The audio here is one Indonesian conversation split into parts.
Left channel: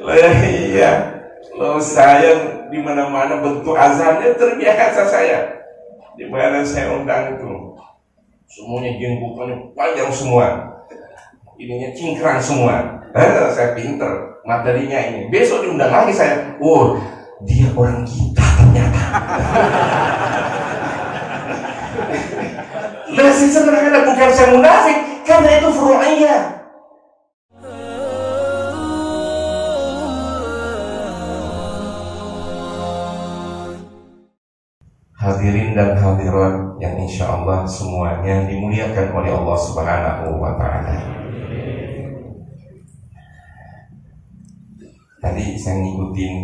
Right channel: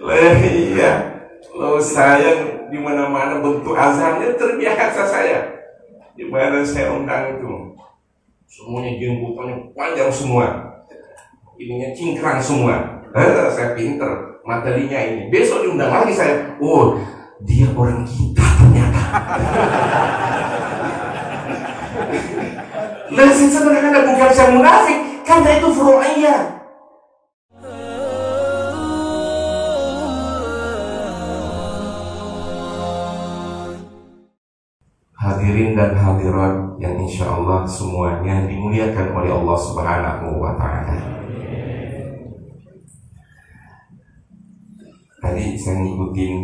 Lah iya, lo saya di mana-mana bentuk azannya terbiasa saya. Di mana saya undang itu, semuanya jenggotannya panjang semua, ininya cingkrang semua. Saya pinter materinya ini. Besok diundang lagi saya, oh dia orang kita ternyata. Lah sebenarnya bukan saya munafik, karena itu furu'iyah. Hadirin dan hadirat yang insya Allah semuanya dimuliakan oleh Allah Subhanahu wa Ta'ala. Tadi saya ngikutin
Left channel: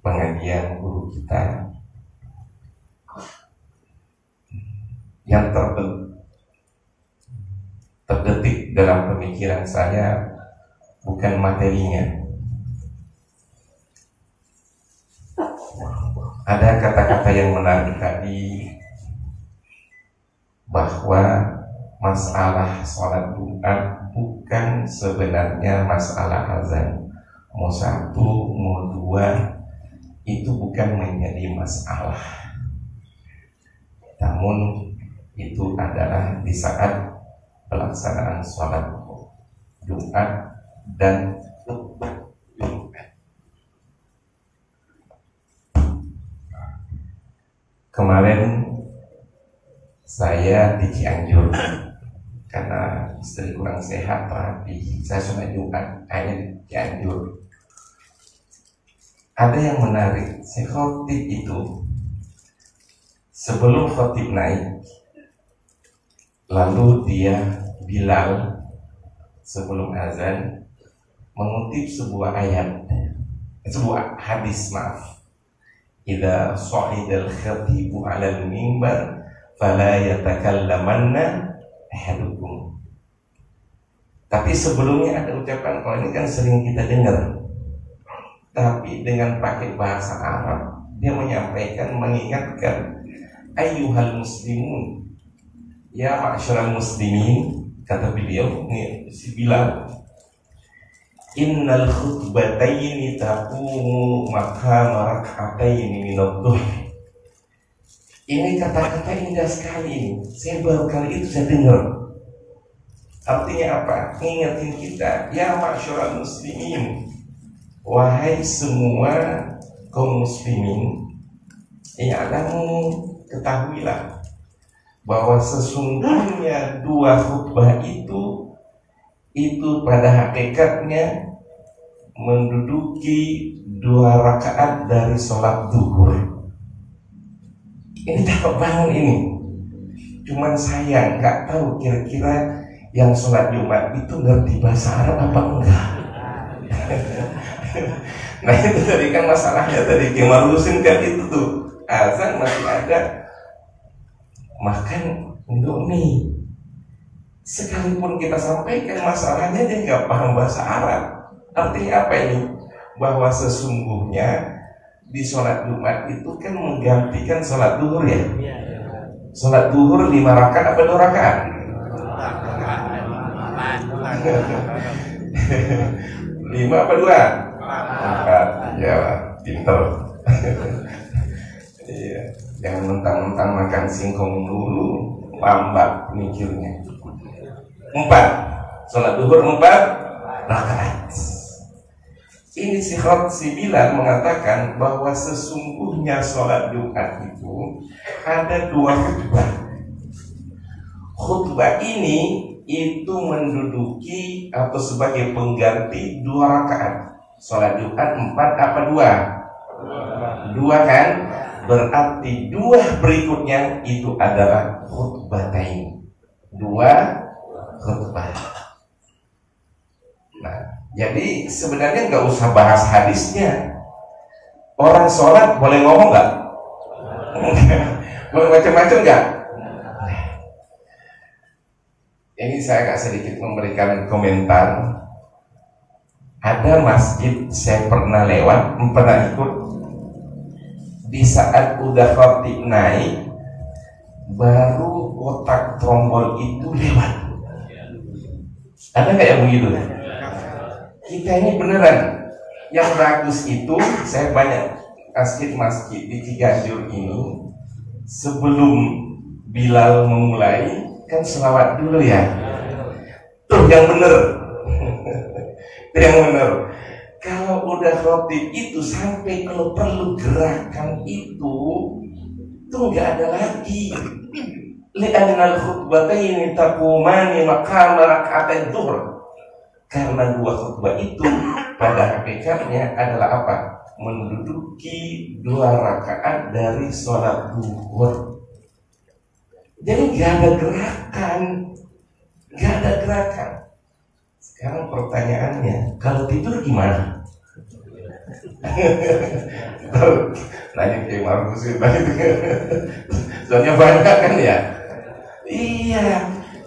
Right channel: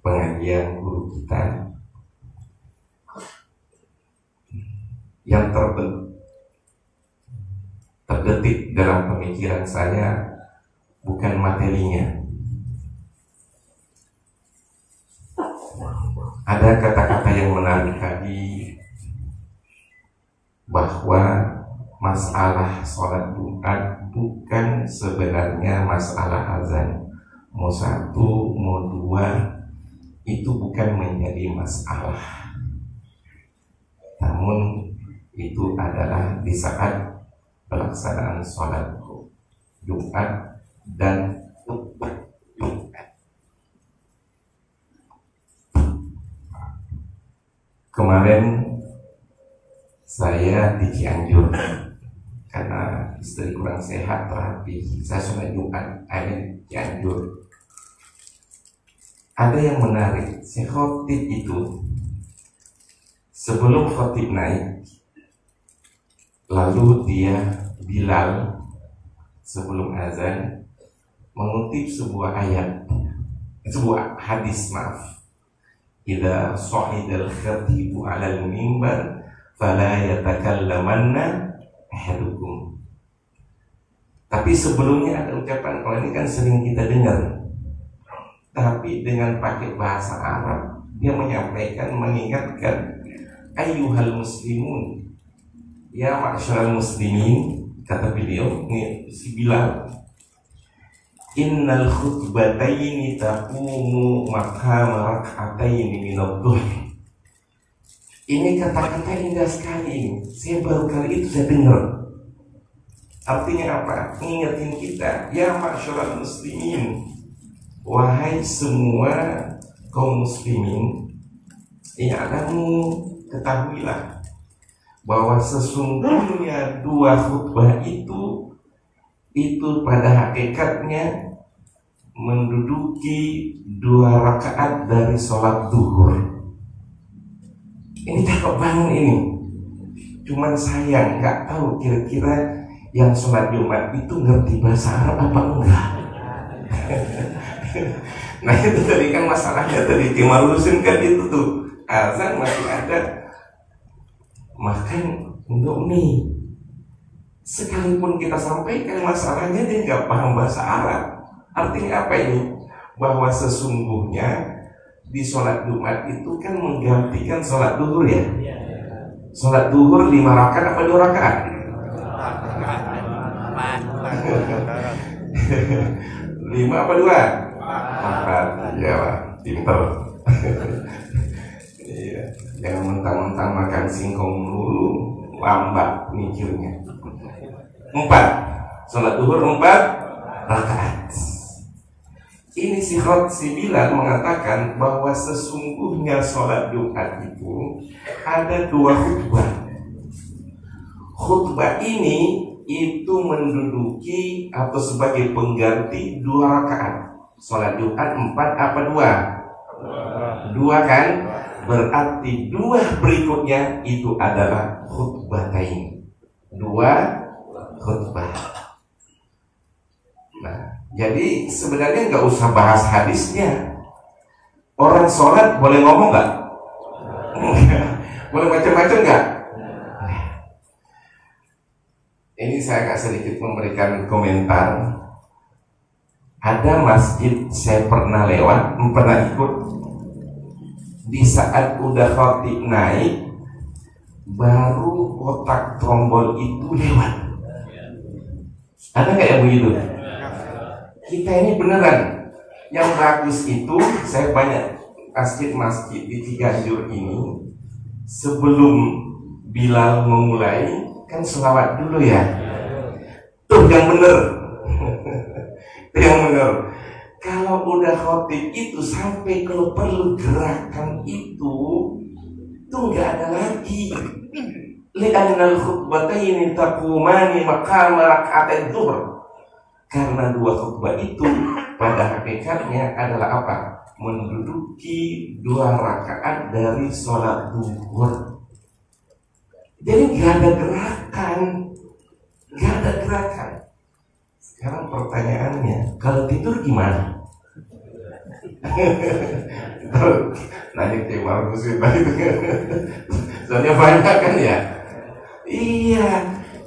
pengajian guru kita yang terdetik dalam pemikiran saya bukan materinya. Ada kata-kata yang menarik tadi bahwa masalah sholat Jumat bukan sebenarnya masalah azan. Mau satu, mau dua, itu bukan menjadi masalah. Namun itu adalah di saat pelaksanaan sholat Jumat dan khutbah Jumat. Kemarin saya di Cianjur karena istri kurang sehat, terapi. Saya sholat Jumat, akhirnya di Cianjur. Ada yang menarik, si khotib itu sebelum khotib naik, lalu dia Bilal sebelum azan mengutip sebuah ayat, sebuah hadis, maaf. Idza sha'idal khatibu 'alal mimbar fala yatakallamanna ahadukum. Tapi sebelumnya ada ucapan, kalau ini kan sering kita dengar, tapi dengan pakai bahasa Arab, dia menyampaikan, mengingatkan, ayyuhal muslimun, ya ma'syaral muslimin, kata beliau, ini si Bilal, innal khutbataini taqumu maqama rak'ataini minadh-dhuhr. Ini kata-kata indah sekali ini. Saya baru kali itu saya dengar. Artinya apa? Ngingetin kita, ya ma'syaral muslimin, wahai semua kaum muslimin, i'lamu, ketahuilah bahwa sesungguhnya dua khutbah itu pada hakikatnya menduduki 2 rakaat dari sholat zuhur. Ini cakep banget ini. Cuman saya nggak tahu kira-kira yang sholat Jumat itu ngerti bahasa Arab apa enggak. Nah itu tadi kan masalahnya, tadi Kemal Husin kan itu tuh azan masih ada makan untuk mie. Sekalipun kita sampaikan masalahnya, dia nggak paham bahasa Arab. Artinya apa ini? Bahwa sesungguhnya di sholat Jumat itu kan menggantikan sholat duhur ya. Sholat duhur 5 rakaat apa 2 rakaat? 5 apa 2? 4. Ya lah, pinter. Iya, jangan mentang-mentang makan singkong dulu, lambat mikirnya. 4, sholat duhur 4 rakaat. Ini si Bilal mengatakan bahwa sesungguhnya sholat Jumat itu ada 2 khutbah. Khutbah ini itu menduduki atau sebagai pengganti 2 rakaat. Sholat Jumat 4 apa 2? 2 kan? Berarti 2 berikutnya itu adalah khutbatain. 2 khutbah. Nah, jadi sebenarnya nggak usah bahas hadisnya. Orang sholat boleh ngomong nggak? Boleh macam-macam nggak? Ini saya agak sedikit memberikan komentar. Ada masjid saya pernah lewat, pernah ikut. Di saat udah khatib naik, baru kotak trombol itu lewat. Ada nggak yang begitu? kita ini beneran. Yang bagus itu, saya banyak masjid-masjid di Ciganjur ini, sebelum Bilal memulai kan selawat dulu ya. Tuh yang bener. Yang bener. Kalau udah khotib itu sampai kalau perlu gerakan itu tuh nggak ada lagi. Li'annal khutbataini taqumani maqama raka'atain dhuhr. Karena dua khutbah itu pada hakikatnya adalah apa? Menduduki 2 rakaat dari sholat duhur. Jadi gak ada gerakan. Gak ada gerakan. Sekarang pertanyaannya, kalau tidur gimana? Nanya ke Markus itu. Soalnya banyak kan ya. Iya.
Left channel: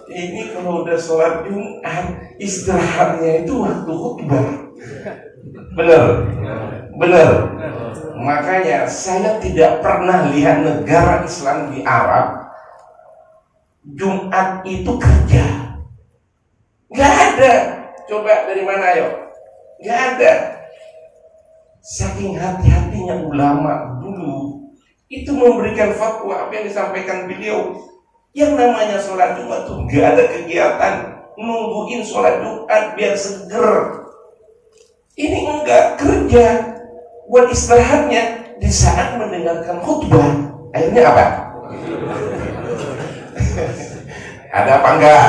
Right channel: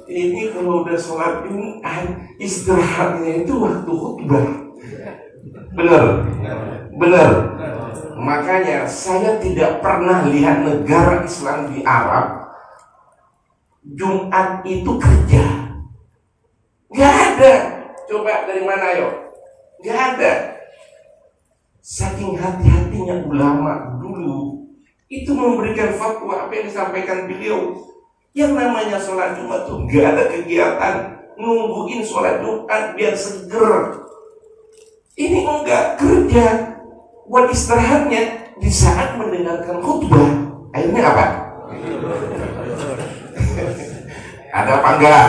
Ini kalau udah sholat Jumat, istirahatnya itu waktu khutbah. Benar. Makanya saya tidak pernah lihat negara Islam di Arab Jumat itu kerja. Gak ada. Coba dari mana ayo? Gak ada. Saking hati-hatinya ulama dulu itu memberikan fatwa apa yang disampaikan beliau. Yang namanya sholat Jumat tuh gak ada kegiatan nungguin sholat Jumat biar seger. Ini enggak, kerja. Buat istirahatnya di saat mendengarkan khutbah. Akhirnya apa? Ada apa enggak?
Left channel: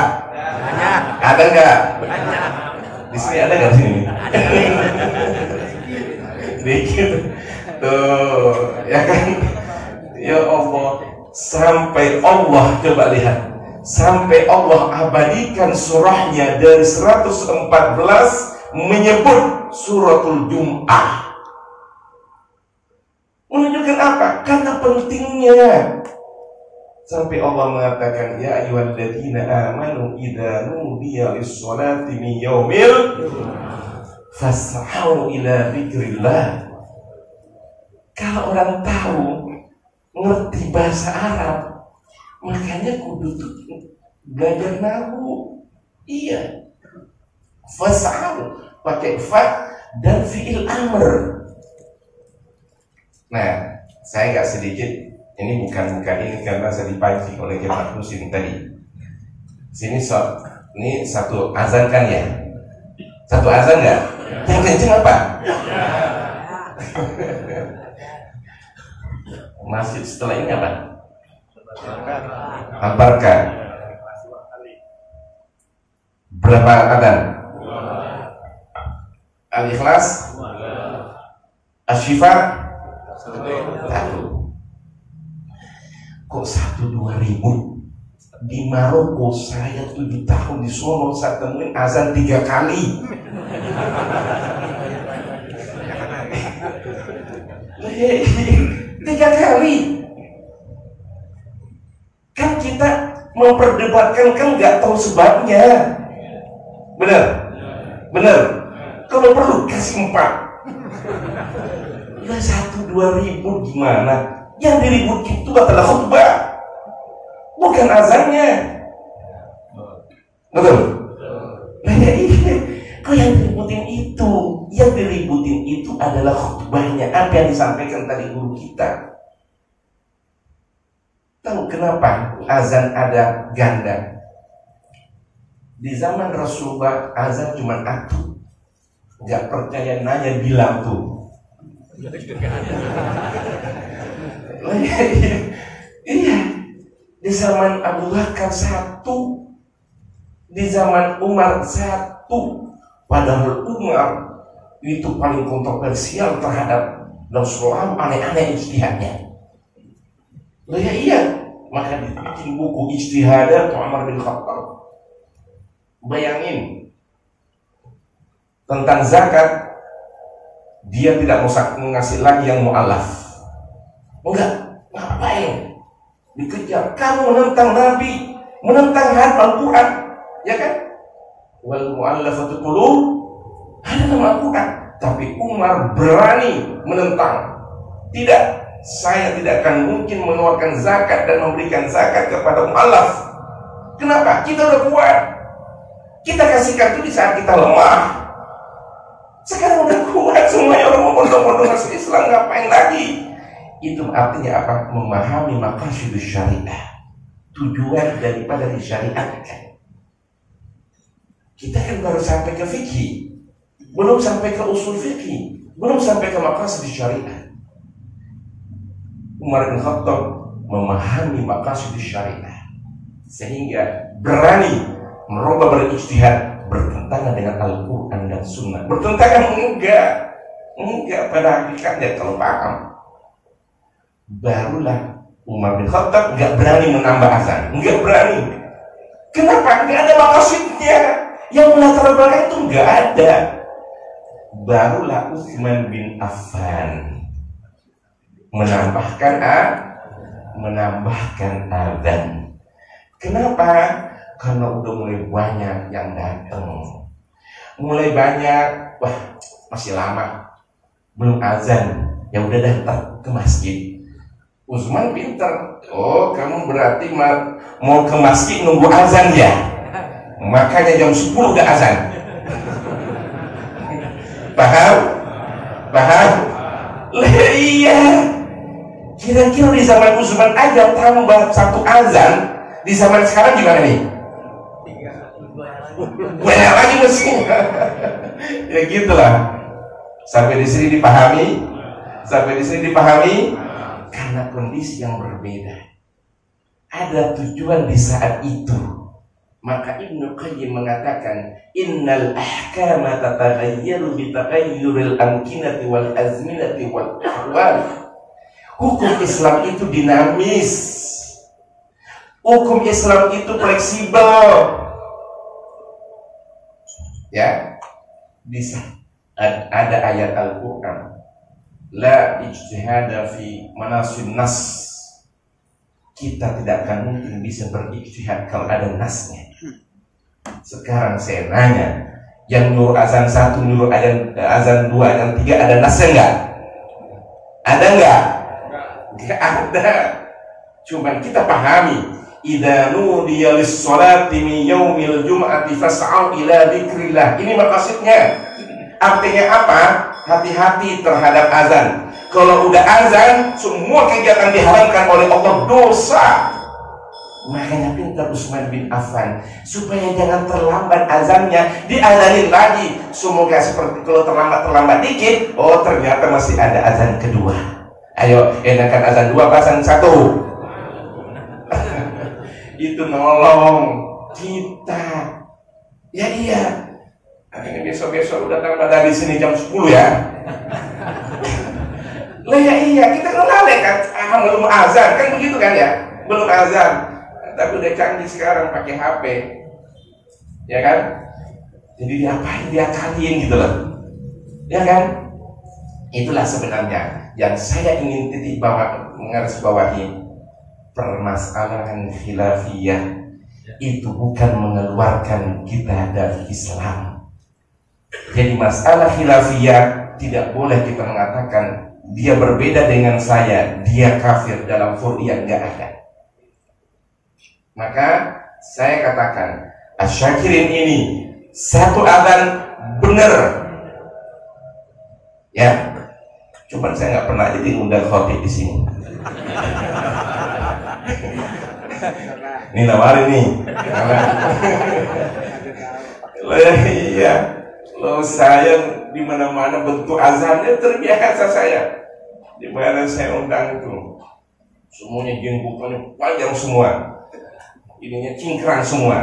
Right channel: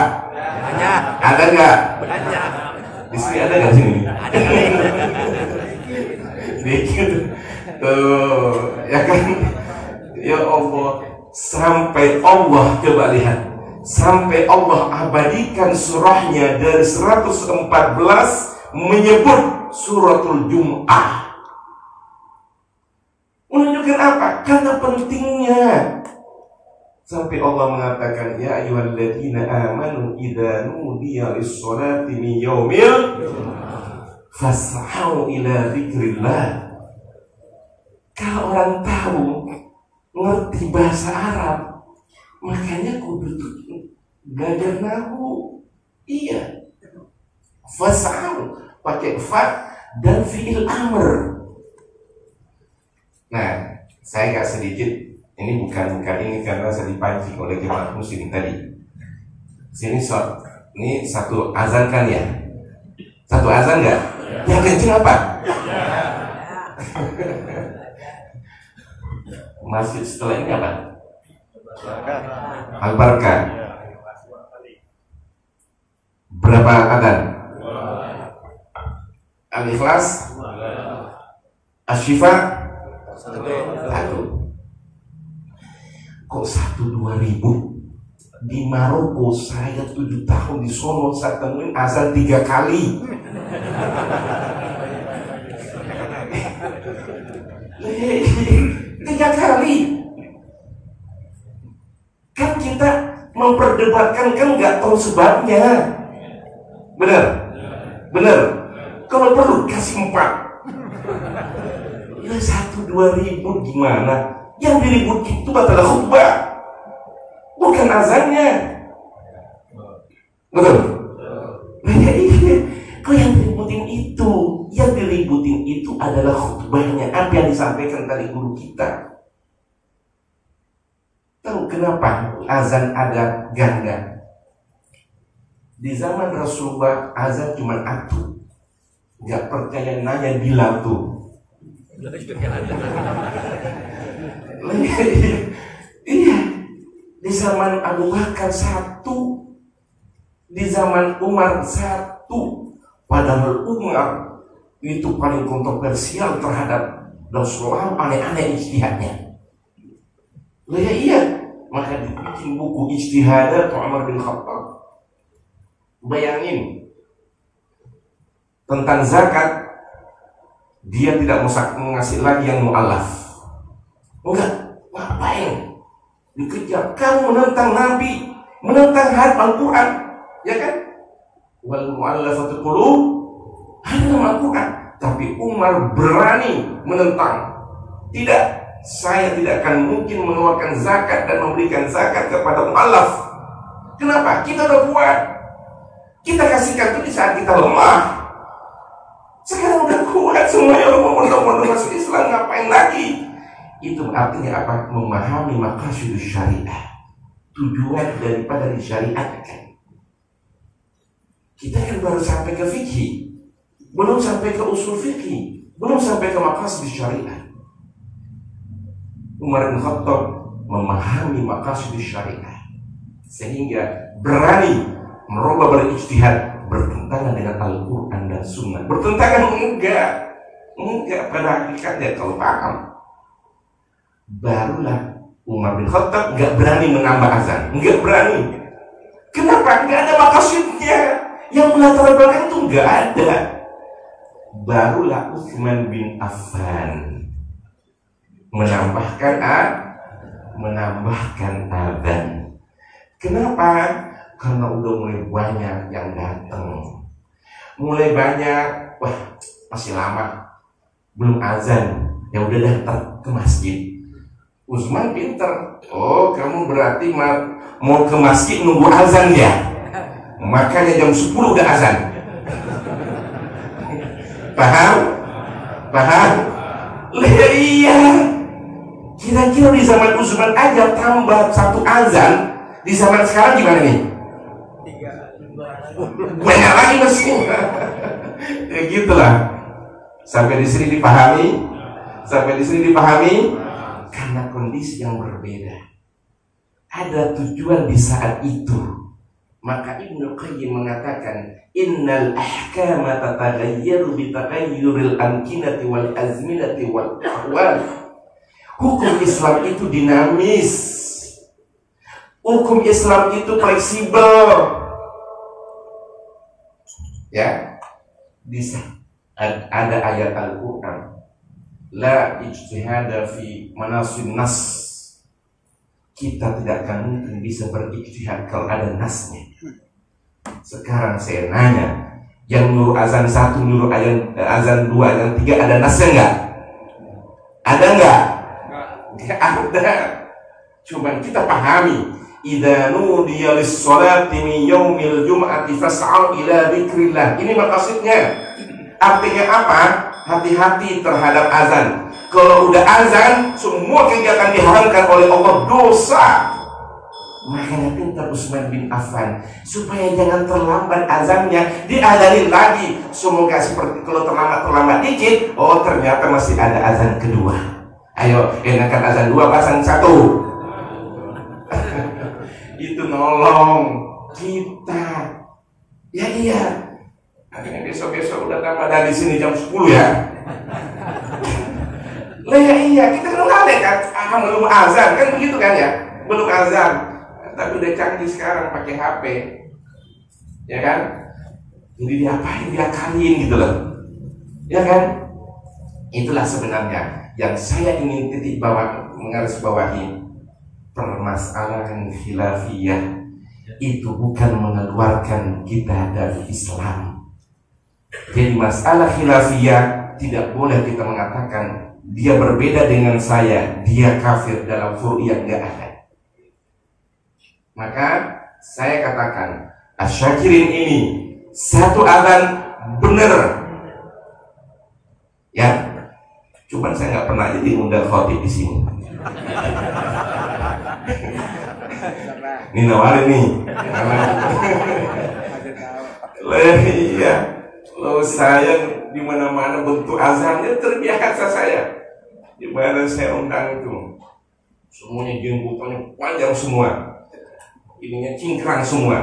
Ada enggak? Di sini ada enggak sini? Dikit. Tuh, ya kan? Ya Allah. Sampai Allah, coba lihat, sampai Allah abadikan surahnya dari 114 menyebut suratul Jum'ah. Menunjukkan apa? Karena pentingnya. Sampai Allah mengatakan, ya ayyuhalladzina amanu idza nudiya lis-sholati min yaumil fas'au ila dzikrillah. Kalau orang tahu ngerti bahasa Arab, makanya kudu tuh belajar nahu. Iya, fas'au pakai fa dan fi'il amr. Nah, saya agak sedikit ini bukan ini karena saya dipancing oleh jemaat muslim tadi. Sini ini satu azan kan ya? Satu azan nggak? Yang kenceng apa? Masjid setelah ini apa? Al-Barkah. Berapa adzan? Al-Ikhlas? Asy-Syifa? 1. Kok 1-2 ribu? Di Maroko saya 7 tahun di sono, saya temuin azan 3 kali. 3 kali. Kan kita memperdebatkan kan nggak tahu sebabnya. Benar. Kalau perlu kasih 4. Ya 1-2 ribu gimana? Yang diributin itu adalah khutbah, bukan azannya. Betul. Nah, iya. Kau yang diributin itu, adalah khutbahnya, apa yang disampaikan tadi guru kita. Tahu kenapa azan ada ganda? Di zaman Rasulullah azan cuma satu. Gak percaya nanya bilang tuh. Iya. Di zaman Abu Bakar 1, di zaman Umar 1. Padahal Umar itu paling kontroversial terhadap Rasulullah, aneh-aneh ijtihadnya. Ya iya, maka dibikin buku Ijtihadat Umar bin Khattab. Bayangin tentang zakat, dia tidak mau ngasih lagi yang mu'alaf. Enggak, ngapain? Dikejar, kamu menentang Nabi, menentang hadis Al-Quran, ya kan? Wal mu'allafatu qulub, ada Al-Quran. Tapi Umar berani menentang. Tidak, saya tidak akan mungkin mengeluarkan zakat dan memberikan zakat kepada mu'allaf. Kenapa? Kita udah kuat. Kita kasihkan itu di saat kita lemah. semuanya orang mau mondok-mondok masuk Islam, ngapain lagi? Itu artinya apa? Memahami maqasid syariah, tujuan daripada disyariatkan. Kita kan baru sampai ke fikih, belum sampai ke usul fikih, belum sampai ke maqasid syariah. Umar bin Khattab memahami maqasid syariah sehingga berani merubah berijtihad bertentangan dengan Al-Quran dan Sunnah. Bertentangan enggak pada hakikatnya kalau paham. Barulah Umar bin Khattab enggak berani menambah azan, enggak berani. Kenapa? Enggak ada maqasidnya. Yang melatar belakang itu enggak ada. Barulah Utsman bin Affan menambahkan azan. Kenapa? Karena udah mulai banyak yang datang, mulai banyak, wah masih lama belum azan, ya udah daftar ke masjid. Utsman pinter, oh kamu berarti mau ke masjid nunggu azan ya, makanya jam 10 udah azan. Paham? Iya. Kira-kira di zaman Utsman aja tambah satu azan, di zaman sekarang gimana nih? Banyak lagi mestinya. Ya gitulah. Sampai di sini dipahami? Karena kondisi yang berbeda. Ada tujuan di saat itu. Maka Ibnu Qayyim mengatakan, innal ahkama tataghayyaru bi taghayyuril amkinati wal azminati wal ahwal. Hukum Islam itu dinamis. Hukum Islam itu fleksibel. Ya, ada ayat Al-Quran, la ijtihada fi manasin nas. Kita tidak akan mungkin bisa berijtihad kalau ada nasnya. Sekarang saya nanya, yang nyuruh azan 1, nyuruh azan 2, azan 3, ada nasnya enggak? Ada enggak? Enggak ada. Cuman kita pahami, idza nudiya lis-sholati min yaumil jum'ati fas'au ila dzikrillah. Ini maksudnya. Artinya apa? Hati-hati terhadap azan. Kalau udah azan, semua kegiatan diharamkan oleh Allah, dosa. Makanya pintar Utsman bin Affan supaya jangan terlambat azannya, diazanin lagi. Semoga seperti kalau terlambat dikit, oh ternyata masih ada azan kedua. Ayo, enakan azan 2 azan 1. Itu nolong kita. Ya iya. Akhirnya besok-besok udah tambah dari sini jam 10 ya. Lah ya iya, kita kan lalai kan. Belum azan kan begitu kan ya. Belum azan. Tapi udah canggih sekarang pakai HP. Ya kan? Jadi diapain, diakalin gitu loh. Ya kan? Itulah sebenarnya yang saya ingin titik bawah, menggarisbawahi. Permasalahan khilafiyah itu bukan mengeluarkan kita dari Islam. Jadi masalah khilafiyah tidak boleh kita mengatakan dia berbeda dengan saya, dia kafir, dalam Qur'an enggak ada. Maka saya katakan Asyakirin ini satu azan benar. Ya. Cuman saya nggak pernah jadi undang khotib di sini. Ini nawarin nih. Iya. Loh, saya di mana-mana bentuk azannya terbiasa saya. Di mana saya undang itu, semuanya jenggotannya panjang semua, ininya cingkrang semua.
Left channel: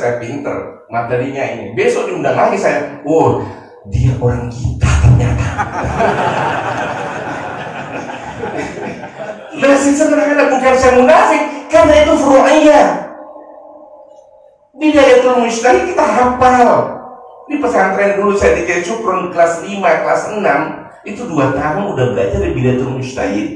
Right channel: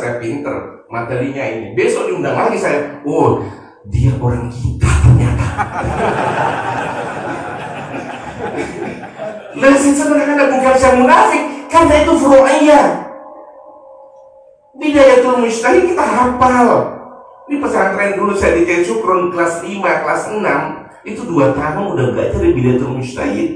Saya pinter materinya ini. Besok diundang lagi saya. Oh, dia orang kita ternyata. Lesson sebenarnya bukan saya munafik, karena itu furu'iyah. Bidayatul Mujtahid kita hafal. Di pesantren dulu saya di Syukrun kelas 5, kelas 6, itu 2 tahun udah belajar di Bidayatul Mujtahid.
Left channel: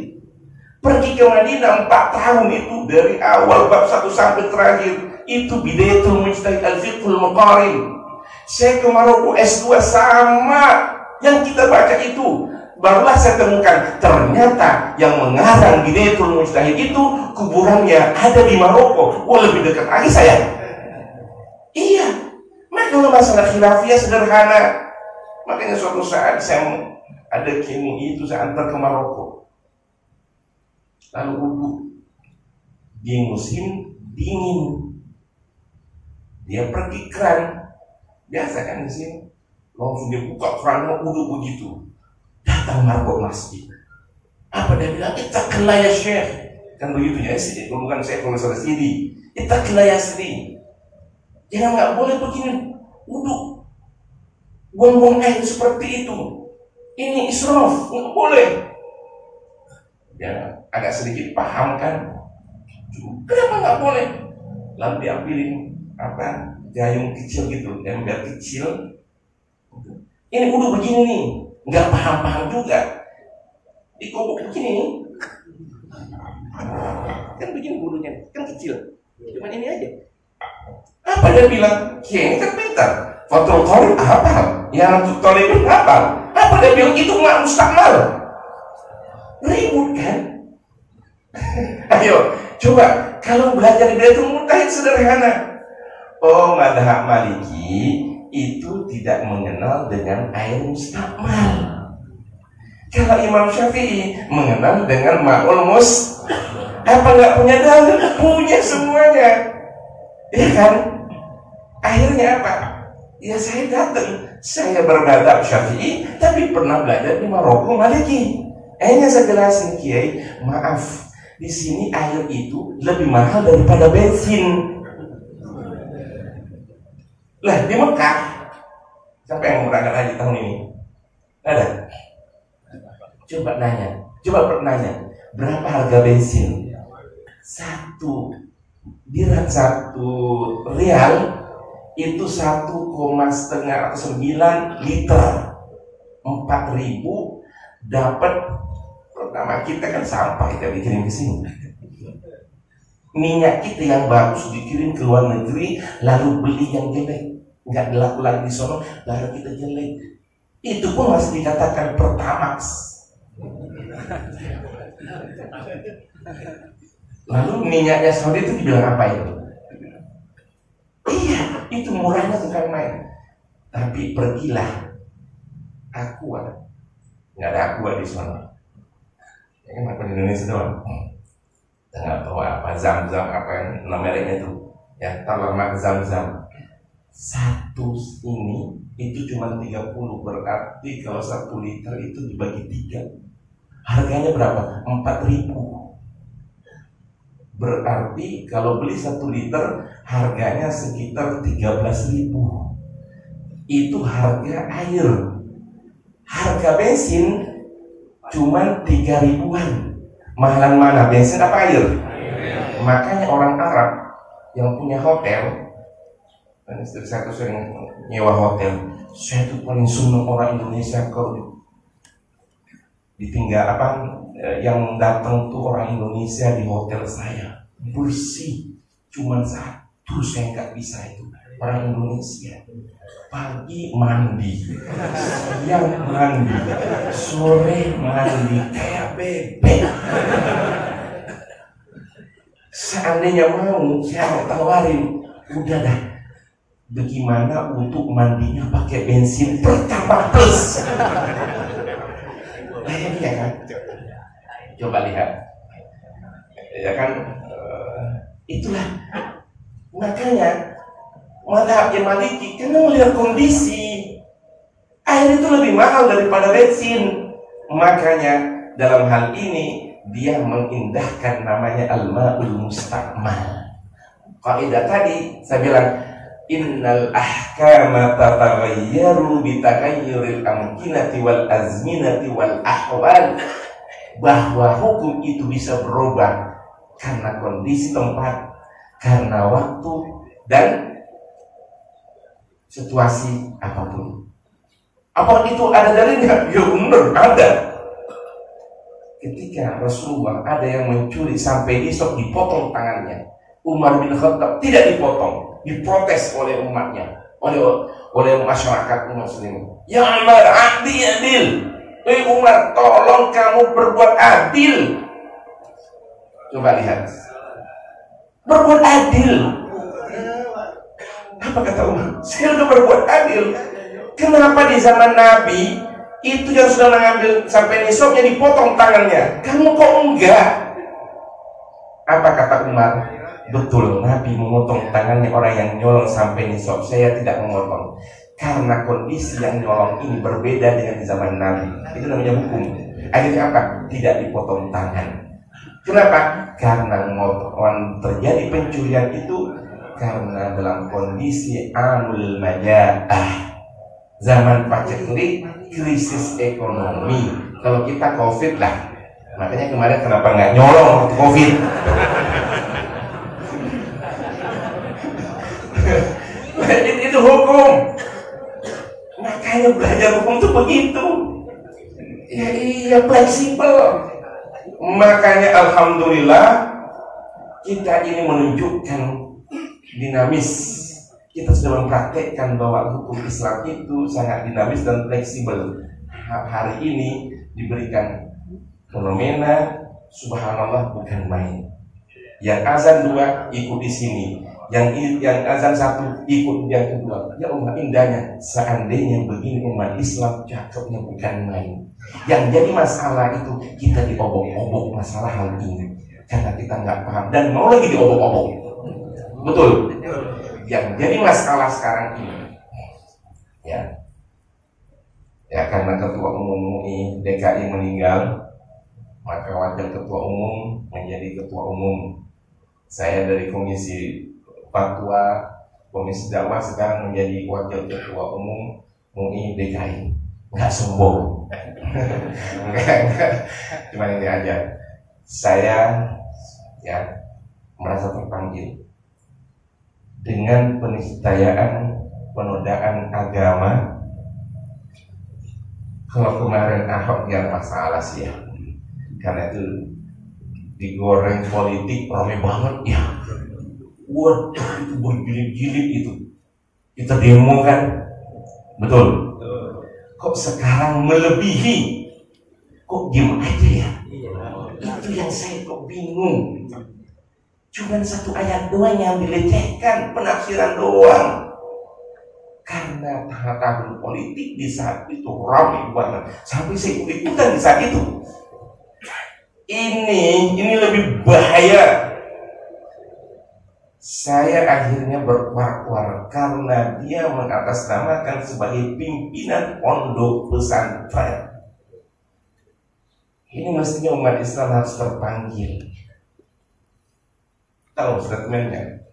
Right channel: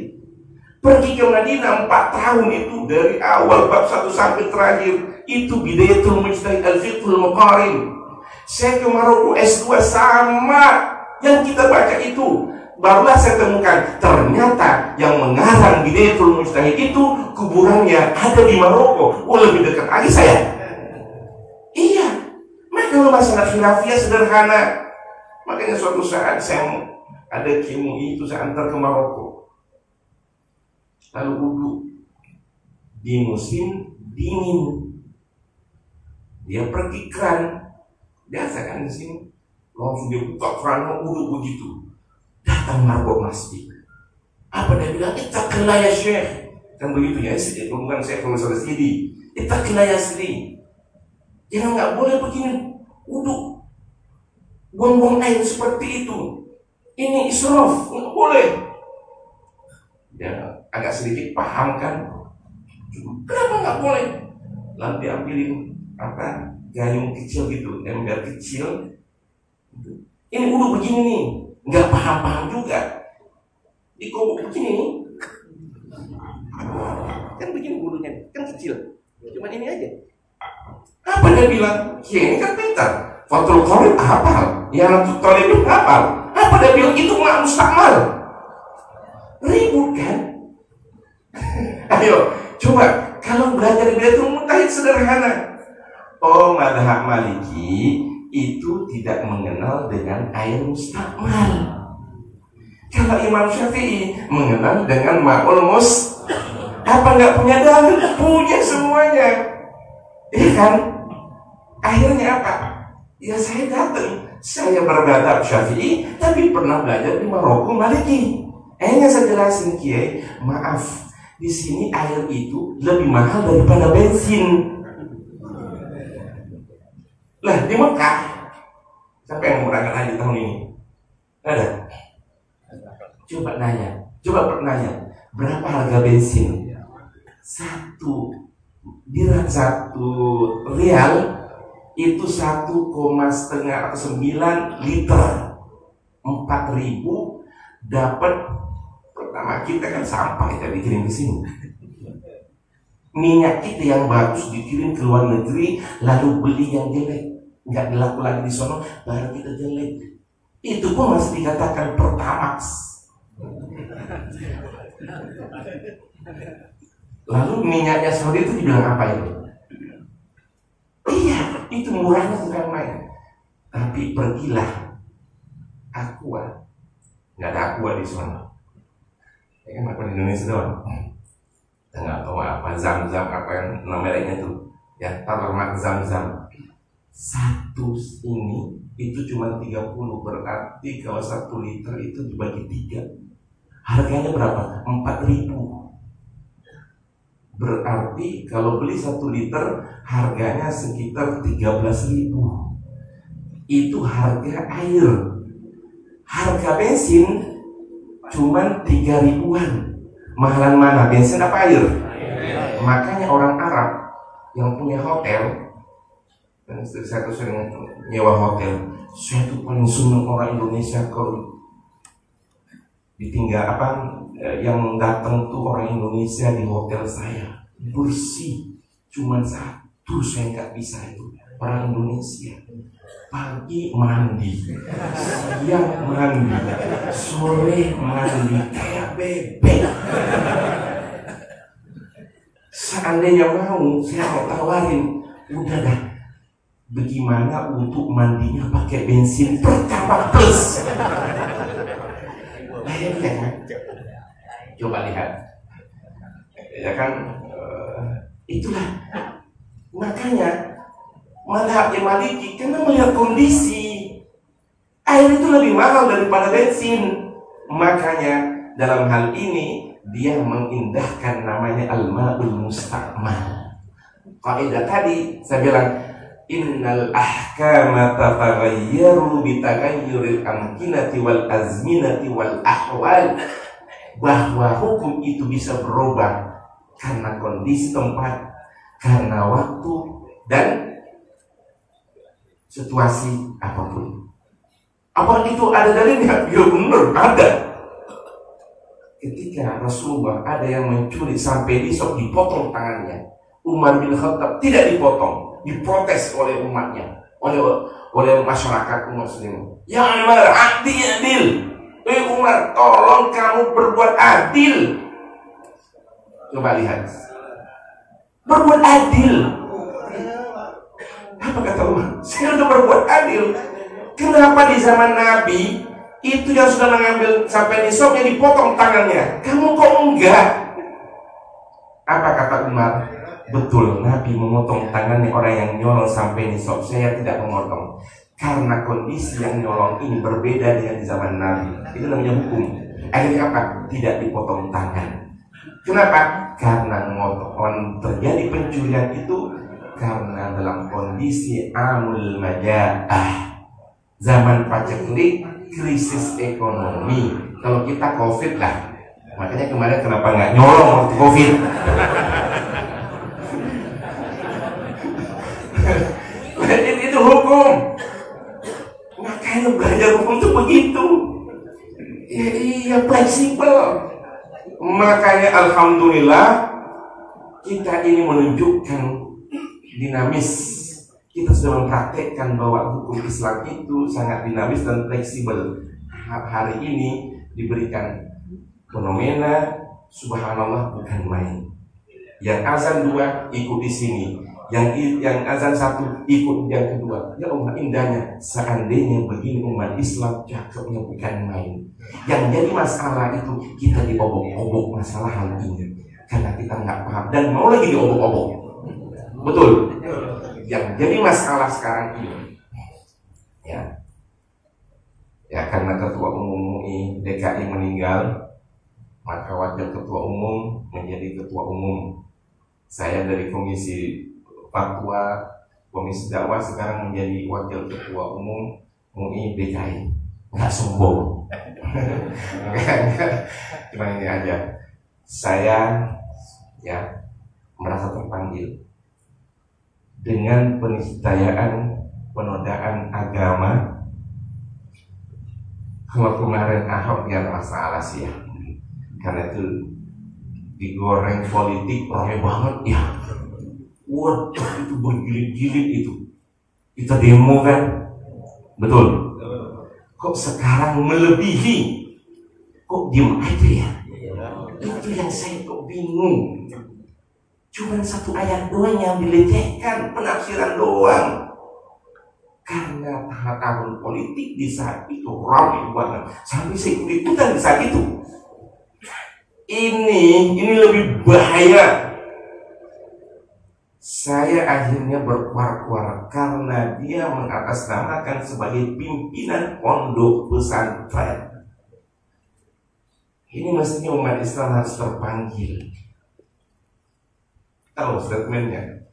Pergi ke Madinah 4 tahun itu dari awal bab 1 sampai terakhir itu Bidayatul Mujtahid Al-Fiqhul Muqarin. Saya ke Maroko S2 sama yang kita baca itu. Barulah saya temukan ternyata yang mengarang Bidayatul Mujtahid itu kuburannya ada di Maroko. Wah, lebih dekat lagi saya. Iya. Maka kalau masalah khilafiyah sederhana. Makanya suatu saat saya ada KMUI itu saya antar ke Maroko, lalu wudhu di musim dingin. Dia pergi keran, biasa kan di sini, langsung dia buka keran mau wudhu begitu. Datang marbot masjid. Apa dia bilang? Ittaqillah ya Syekh. Kan begitu ya, bukan saya kalau salah sendiri. Ittaqillah ya sendiri. Jangan nggak boleh begini wudhu, buang-buang air seperti itu. Ini israf, nggak boleh. Dia agak sedikit paham kan? Kenapa nggak boleh? Lalu diambilin gayung kecil gitu, ember kecil. Ini wudhu begini nih, nggak paham-paham juga. Dikobok begini, kan begini wudhunya, kan kecil. Cuman ini aja. Apa dia bilang? Ini kan pintar. Fatul Qorib hafal, yang Tolibin hafal. Apa dia bilang? Itu nggak mustakmal. Ribut kan? Ayo, coba kalau belajar Bidatul Mujtahid sederhana. Oh, madhab Maliki itu tidak mengenal dengan air mustakmal. Kalau Imam Syafi'i mengenal dengan ma'ul mus. Apa nggak punya dalil? Punya semuanya. Iya kan? Akhirnya apa? Ya saya datang, saya bermadhab Syafi'i, tapi pernah belajar di Maroko Maliki. Akhirnya saya jelasin, Kiai, maaf, di sini air itu lebih mahal daripada bensin. Lah di Mekah, siapa yang mau berangkat haji tahun ini? Ada? Coba nanya, berapa harga bensin? Satu rial itu 1,5 atau 9 liter. 4.000 dapat. Pertama kita kan sampah kita dikirim ke sini. Minyak kita yang bagus dikirim ke luar negeri, lalu beli yang jelek, nggak laku lagi di sono, baru kita jelek. Itu pun masih dikatakan Pertamax. Lalu minyaknya Saudi itu dibilang apa itu? Iya, itu murahnya bukan main. Tapi pergilah Aqua, nggak ada Aqua di sana. Ya kan apa di Indonesia doang. Nggak tahu apa Zam-Zam apa yang namanya itu. Ya, Talamak Zam-Zam. Satu ini itu cuma 30, berarti kalau 1 liter itu dibagi 3. Harganya berapa? 4.000. Berarti kalau beli 1 liter harganya sekitar 13.000. Itu harga air. Harga bensin cuman 3.000-an. Mahalan mana? Bensin apa air? Makanya orang Arab yang punya hotel, dan istri saya tuh sering nyewa hotel. Saya tuh paling seneng orang Indonesia kalau ditinggal yang datang tuh orang Indonesia di hotel saya bersih. Cuman satu saya nggak bisa itu, orang Indonesia pagi mandi, siang mandi, sore mandi kayak bebek. Seandainya mau saya tawarin, udah dah, bagaimana untuk mandinya pakai bensin Pertamax plus? Ya kan? Coba lihat, ya kan? Itulah makanya madhab Maliki karena melihat kondisi air itu lebih mahal daripada bensin. Makanya dalam hal ini dia mengindahkan namanya al-ma'ul mustakmal. Kaidah tadi saya bilang innal ahkama tataghayyaru bitaghayyuril amkinati wal azminati wal ahwal, bahwa hukum itu bisa berubah karena kondisi tempat, karena waktu dan situasi apapun. Apa itu ada dalilnya? Ya benar ada. Ketika Rasulullah ada yang mencuri sampai disok dipotong tangannya, Umar bin Khattab tidak dipotong, diprotes oleh umatnya, oleh masyarakat muslim. Ya Umar, adil. Umar, tolong kamu berbuat adil. Coba lihat, berbuat adil. Apa kata Umar? Saya udah berbuat adil. Kenapa di zaman Nabi itu yang sudah mengambil sampai nisabnya dipotong tangannya, kamu kok enggak? Apa kata Umar? Betul, Nabi memotong tangannya orang yang nyolong sampai nisab, saya tidak memotong. Karena kondisi yang nyolong ini berbeda dengan di zaman Nabi. Itu namanya hukum. Akhirnya apa? Tidak dipotong tangan. Kenapa? Karena terjadi pencurian itu karena dalam kondisi amul maja'ah, zaman paceklik, krisis ekonomi. Kalau kita COVID lah, makanya kemarin kenapa nggak nyolong waktu COVID? itu hukum. Makanya belajar hukum itu begitu. Ya iya, fleksibel. Makanya alhamdulillah kita ini menunjukkan dinamis. Kita sudah mempraktekkan bahwa hukum Islam itu sangat dinamis dan fleksibel. Hari ini diberikan fenomena subhanallah bukan main. Yang azan 2 ikut di sini, yang azan 1 ikut yang kedua. Ya Allah, indahnya seandainya begini umat Islam cakepnya bukan main. Yang jadi masalah itu kita diobok-obok masalah hal ini karena kita nggak paham dan mau lagi diobok-obok. Betul. Yang jadi masalah sekarang ini ya karena ketua umum MUI DKI meninggal, maka wakil ketua umum menjadi ketua umum. Saya dari komisi fatwa, komisi dakwah sekarang menjadi wakil ketua umum MUI DKI. Nggak sombong. Enggak. Cuma ini aja. Saya merasa terpanggil dengan peniscayaan penodaan agama. Kalau kemarin Ahok yang masalah sih ya, karena itu digoreng politik ramai banget ya. Waduh, itu bergilit-gilit itu. Kita demo kan, betul. Kok sekarang melebihi? Kok diem aja ya? Itu yang saya kok bingung. Cuman satu ayat doang yang dilecehkan, penafsiran doang. Karena tahun politik di saat itu ramai banget. Sampai saya ikut-ikutan di saat itu. Ini lebih bahaya. Saya akhirnya berkuar-kuar karena dia mengatasnamakan sebagai pimpinan pondok pesantren. Ini mestinya umat Islam harus terpanggil. Tahu statementnya?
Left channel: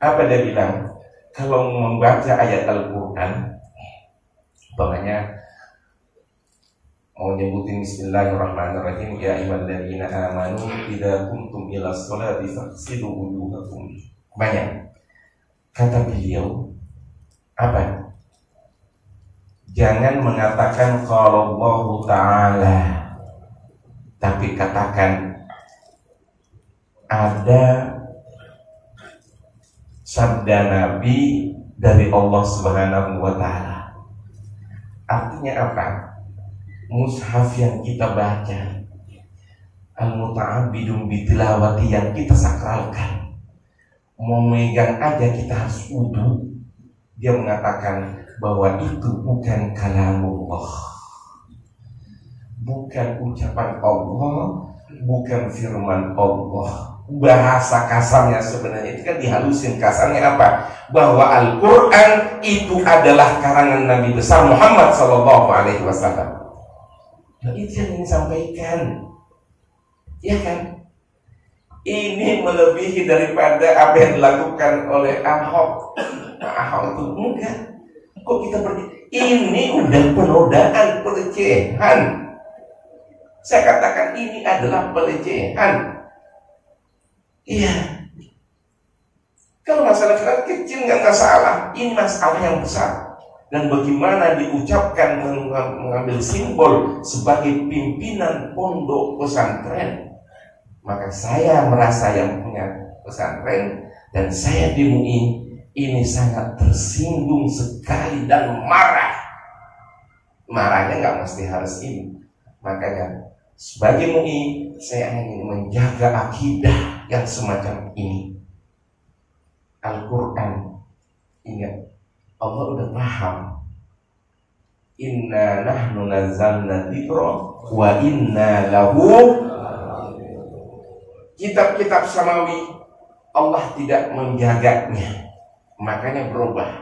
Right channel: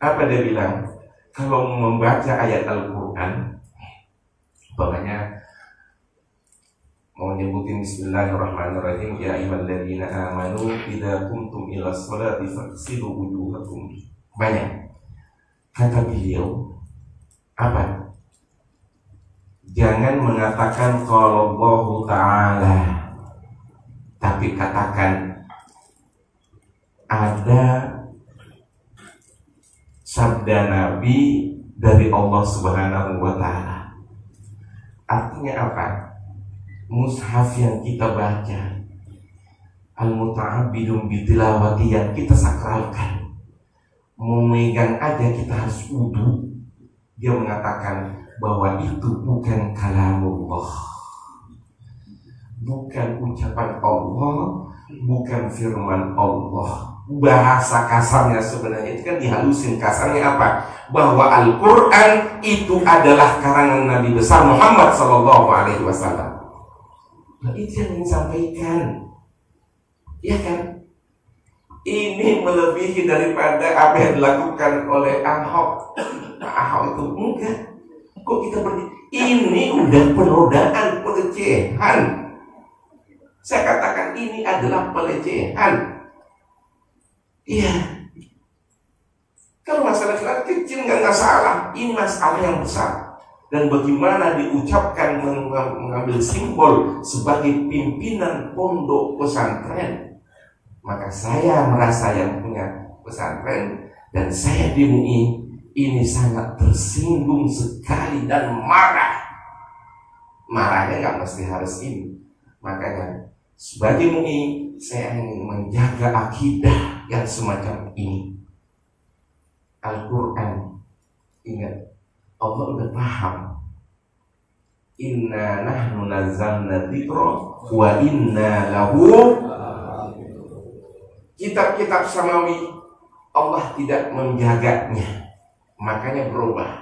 Apa dia bilang? Kalau membaca ayat Al-Quran, umpamanya mau nyebutin Bismillahirrahmanirrahim, ya ayyuhalladzina amanu idza qumtum ila sholati faghsilu wujuhakum. Banyak. Kata beliau, apa? Jangan mengatakan qala Allah Ta'ala, tapi katakan ada sabda Nabi dari Allah Subhanahu wa Ta'ala. Artinya apa? Mushaf yang kita baca, al-muta'abbidun bitilawati yang kita sakralkan, mau megang aja kita harus wudu. Dia mengatakan bahwa itu bukan kalamullah, bukan ucapan Allah, bukan firman Allah. Bahasa kasarnya sebenarnya itu kan dihalusin. Kasarnya apa? Bahwa Al-Quran itu adalah karangan Nabi besar Muhammad SAW. Nah, itu yang ingin sampaikan, ya kan? Ini melebihi daripada apa yang dilakukan oleh Ahok. Ahok itu enggak. Kok kita ini udah penodaan, pelecehan. Saya katakan ini adalah pelecehan. Iya. Kalau masalah kecil nggak masalah. Ini masalah yang besar. Dan bagaimana diucapkan mengambil simbol sebagai pimpinan pondok pesantren. Maka saya merasa yang punya pesantren dan saya di MUI ini sangat tersinggung sekali dan marah. Marahnya nggak mesti harus ini. Makanya sebagai MUI saya ingin menjaga akidah yang semacam ini. Al-Quran, ingat, Allah udah paham Inna nahnu nazzalna dzikra wa inna lahu. Kitab-kitab samawi Allah tidak menjaganya, makanya berubah.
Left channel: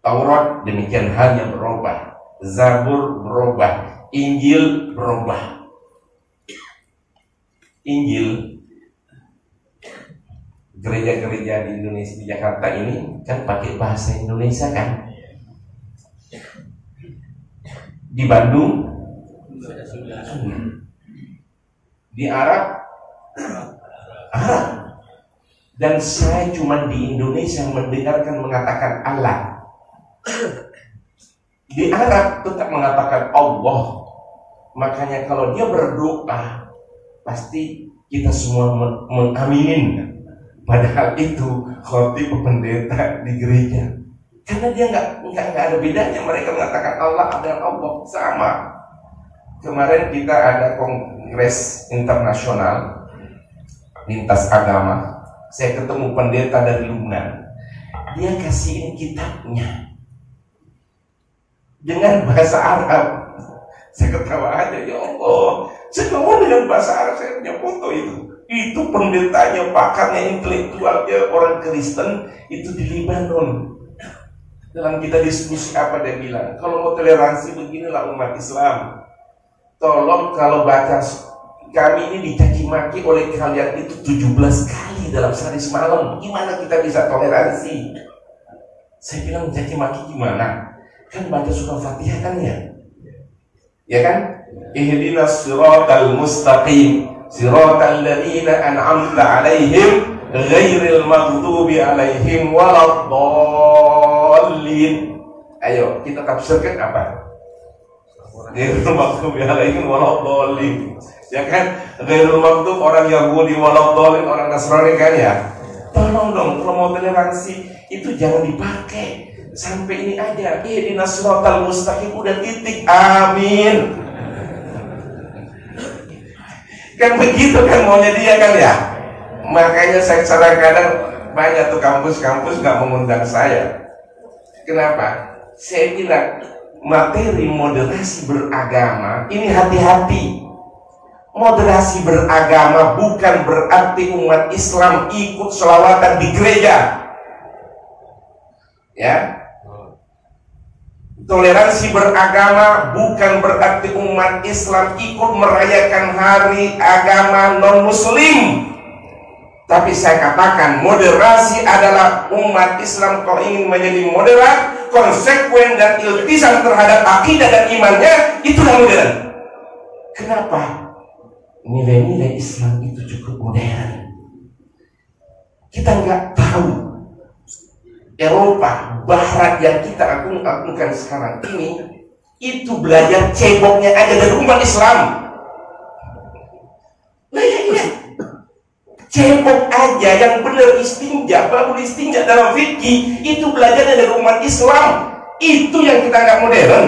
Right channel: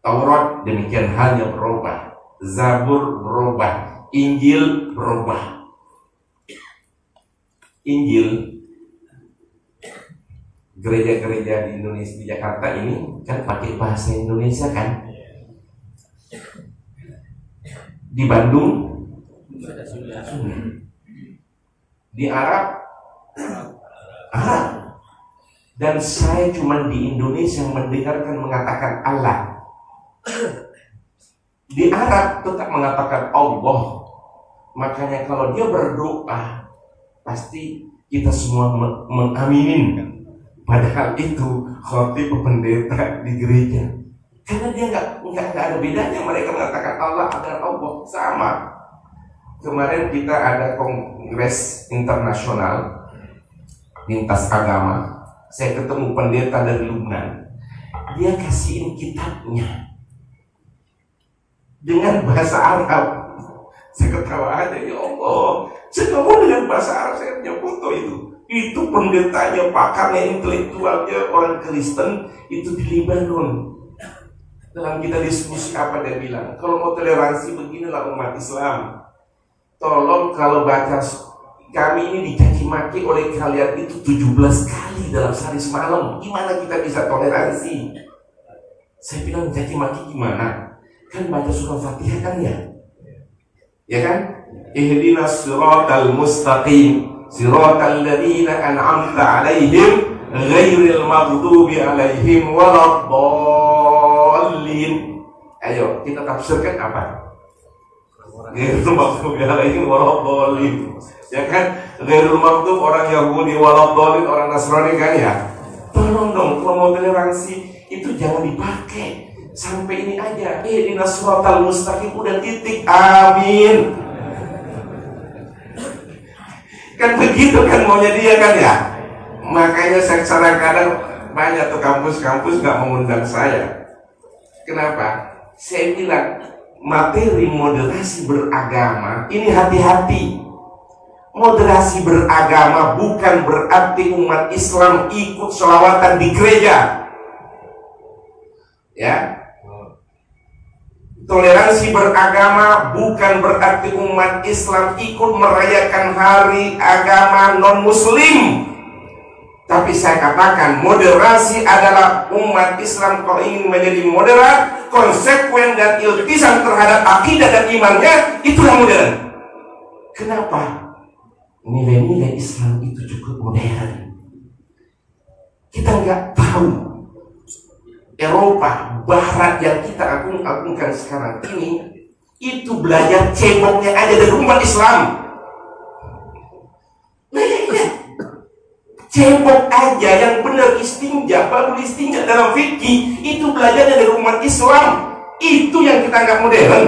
Taurat demikian halnya berubah, Zabur berubah, Injil berubah. Injil, gereja-gereja di Indonesia, di Jakarta ini kan pakai bahasa Indonesia kan. Di Bandung di Arab. Dan saya cuma di Indonesia mendengarkan mengatakan Allah. Di Arab tetap mengatakan Allah. Makanya kalau dia berdoa, pasti kita semua mengaminin. Padahal itu khotib pendeta di gereja. Karena dia nggak ada bedanya. Mereka mengatakan Allah dan Allah sama. Kemarin kita ada kongres internasional lintas agama. Saya ketemu pendeta dari Lubnan. Dia kasihin kitabnya dengan bahasa Arab. Saya ketawa aja, ya Allah. Saya ngomong dengan bahasa Arab, saya punya foto itu. Itu pendetanya, pakarnya, intelektualnya orang Kristen itu di Lebanon. Dalam kita diskusi apa dia bilang, kalau mau toleransi beginilah umat Islam. Tolong kalau baca, kami ini dicaci maki oleh kalian itu 17 kali dalam sehari semalam. Gimana kita bisa toleransi? Saya bilang caci maki gimana? Kan baca surah Fatihah kan ya? Ya kan? Ihdinas siratal mustaqim, siratal ladzina an'amta 'alaihim ghairil maghdubi 'alaihim waladdallin. Ayo kita tafsirkan apa? Ghairil maghdubi 'alaihim waladdallin. Ya kan, ghairul maghdub orang Yahudi, waladdallin orang Nasrani kan ya. Tolong dong, kalau mau toleransi itu jangan dipakai. Sampai ini aja, ihdinas siratal mustaqim udah titik, amin. Kan begitu kan maunya dia kan ya. Makanya saya kadang-kadang banyak tuh kampus-kampus gak mengundang saya. Kenapa? Saya bilang materi moderasi beragama ini hati-hati. Moderasi beragama bukan berarti umat Islam ikut sholawatan di gereja. Ya. Toleransi beragama bukan berarti umat Islam ikut merayakan hari agama non-muslim. Tapi saya katakan moderasi adalah umat Islam kalau ingin menjadi moderat, konsekuen dan iltisam terhadap akidah dan imannya, itulah modern. Kenapa? Nilai-nilai Islam itu cukup modern. Kita nggak tahu Eropa, Barat yang kita agung-agungkan sekarang ini, itu belajar ceboknya aja dari umat Islam. Nah, cebok aja yang benar istinja, baru istinja dalam fikih, itu belajar dari umat Islam. Itu yang kita nggak modern.